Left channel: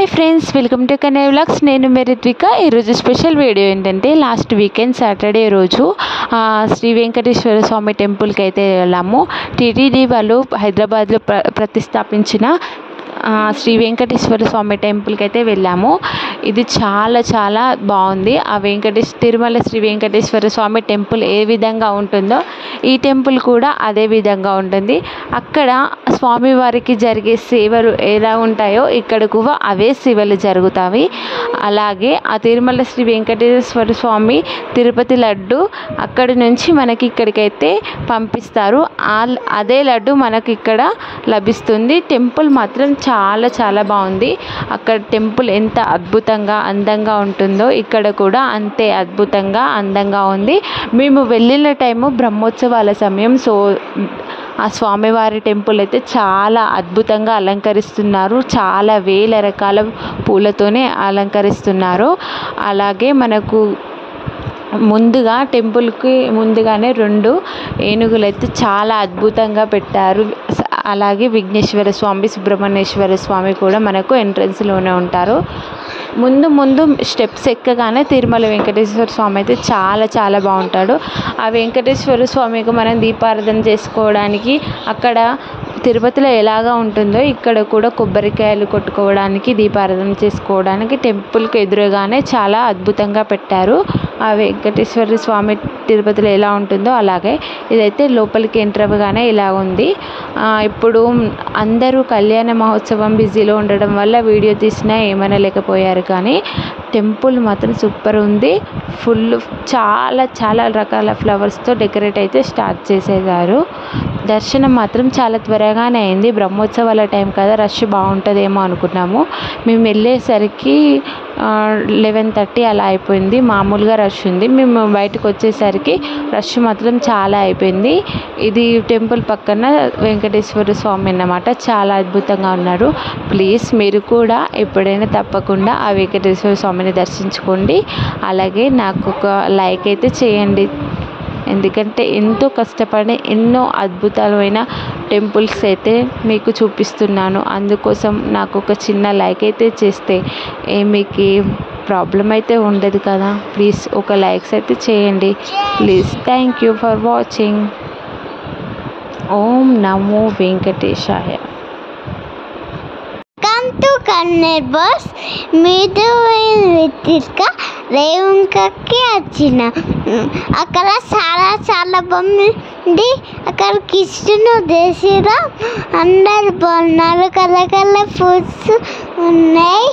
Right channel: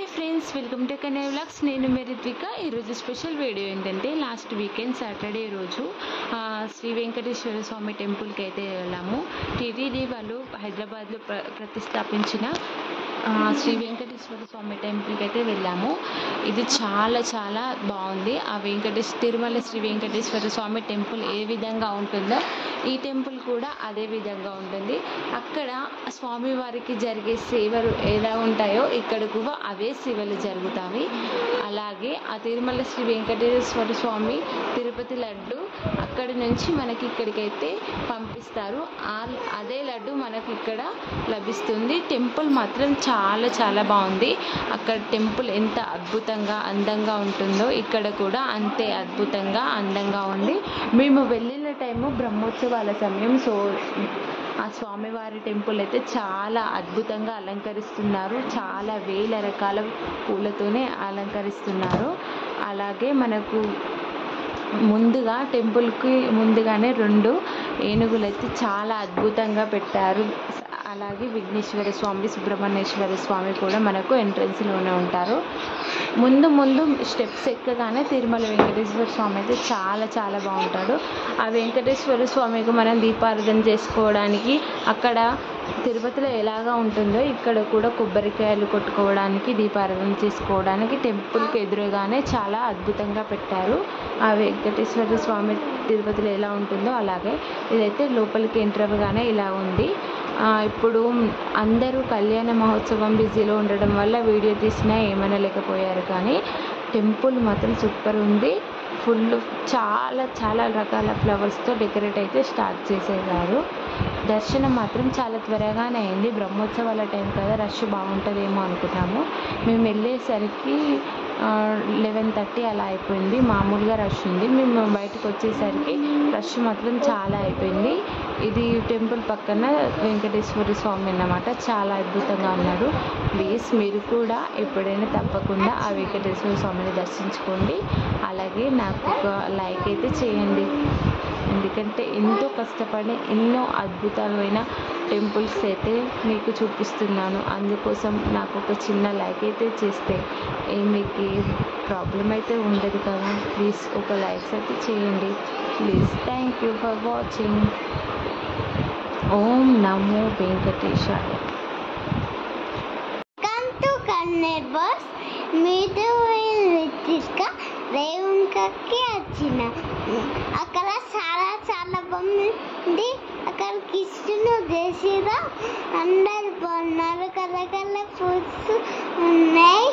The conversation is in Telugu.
Hi friends, welcome to Kannayya vlogs. నేను మీ రిత్విక. ఈరోజు స్పెషల్ వీడియో ఏంటంటే, లాస్ట్ వీకెండ్ సాటర్డే రోజు శ్రీ వెంకటేశ్వర స్వామి టెంపుల్కి అయితే వెళ్ళాము. టీటీడీ వాళ్ళు హైదరాబాద్లో ప్రతిష్టాపించిన శ్రీ వెంకటేశ్వర స్వామి టెంపుల్కి అయితే వెళ్ళాము. ఇది చాలా చాలా బాగుంది. తిరుమల శ్రీ వెంకటేశ్వర స్వామి టెంపుల్ ఏ విధంగా ఉంటుందో ఈ టెంపుల్ కూడా అదే విధంగా ఉంటుంది. అక్కడ స్వామివారికి జరిగే సేవలు ఎలా ఉంటాయో ఇక్కడ కూడా అవే సేవలు జరుగుతాయి. అలాగే ఆ తిరుమల శ్రీ వెంకటేశ్వర స్వామి తిరుపతి లడ్డు అక్కడి నుంచి మనకి ఇక్కడికైతే పంపిస్తారు. అదే లడ్డు మనకి ఇక్కడ లభిస్తుంది. టెంపుల్ మాత్రం చాలా చాలా బాగుంది. అక్కడ టెంపుల్ ఎంత అద్భుతంగా అందంగా ఉంటుందో ఇక్కడ కూడా అంతే అద్భుతంగా అందంగా ఉంది. మేము వెళ్ళిన టైము బ్రహ్మోత్సవాల సమయం. సో ఆ స్వామివారి టెంపుల్ అయితే చాలా అద్భుతంగా అలంకరిస్తున్నారు. చాలా వేల రకాల పూలతోనే అలంకరిస్తున్నారు. అలాగే మనకు ముందుగా టెంపుల్కి ముందుగానే 2 ఏనుగులు అయితే చాలా అద్భుతంగా పెట్టారు. అలాగే విఘ్నేశ్వర స్వామి, సుబ్రహ్మణ్యేశ్వర స్వామి కూడా మనకు ఎంట్రన్స్లోనే ఉంటారు. ముందు స్టెప్స్ ఎక్కగానే తిరుమల వెంకటేశ్వర స్వామి అయితే చాలా చాలా బాగుంటాడు. ఆ వెంకటేశ్వర స్వామికి మనం దీపారాధన చేసుకోవడానికి అక్కడ తిరుపతిలో ఎలాగా ఉంటుందో ఇక్కడ కూడా కొబ్బరికాయలు కొట్టుకోవడానికి, దీపారాధన చేసుకోవడానికి టెంపుల్కి ఎదురుగానే చాలా అద్భుతంగా పెట్టారు. ఆ వెంకటేశ్వర స్వామి తిరుపతిలో ఎలా ఉంటుందో అలాగే ఇదైతే లోపలికి ఎంటర్ అవ్వగానే ఇలా ఉంది. ఇప్పుడు అందరూ కళ్యాణ మహోత్సవం బిజీలో ఉండడం వల్ల వీడియో తీసినా ఏమనలేకపోయారు. కానీ టెంపుల్ మాత్రం సూపర్ ఉంది. చాలా చాలా రకాల ఫ్లవర్స్తో డెకరేట్ అయితే స్టార్ట్ చేసేసారు. దర్శనం మాత్రం చాలా త్వరగానే అయింది. బ్రహ్మోత్సవాల టైం కదా, రష్ బాగుంటుందేమో అనుకున్నాము. మేము వెళ్ళేసరికి 11:30 అలా అయిపోయింది. మామూలుగా రష్ ఉంది. మేము బయటకు వచ్చేసరికి రష్ మాత్రం చాలా అయిపోయింది. ఇది టెంపుల్ పక్కన వెంకటేశ్వర స్వామి అన్నమాట. చాలా అద్భుతంగా ఉన్నారు. ప్లీజ్ మీరు కూడా ఎప్పుడైనా తప్పకుండా ఆ వెంకటేశ్వర స్వామిని దర్శించుకోండి. అలాగే నాకు ఒక లైక్ అయితే చేయండి. ఎందుకంటే ఎంతో కష్టపడి ఎన్నో అద్భుతమైన టెంపుల్స్ అయితే మీకు చూపిస్తున్నాను. అందుకోసం నాకు ఒక చిన్న లైక్ అయితే చేస్తే మీకు ప్రాబ్లం అయితే ఉండదు కదా. ప్లీజ్ ఒక లైక్స్ అయితే చేయండి please. Thank you for watching. ఓం నమో వెంకటేశాయ. బస్ మీద రేవంకకి వచ్చిన అక్కడ చాలా చాలా బాగుంది. అక్కడ కృష్ణుడు దేశరా అందరు బాగున్నారు. కలర్ కలర్ ఫ్రూట్స్ ఉన్నాయి.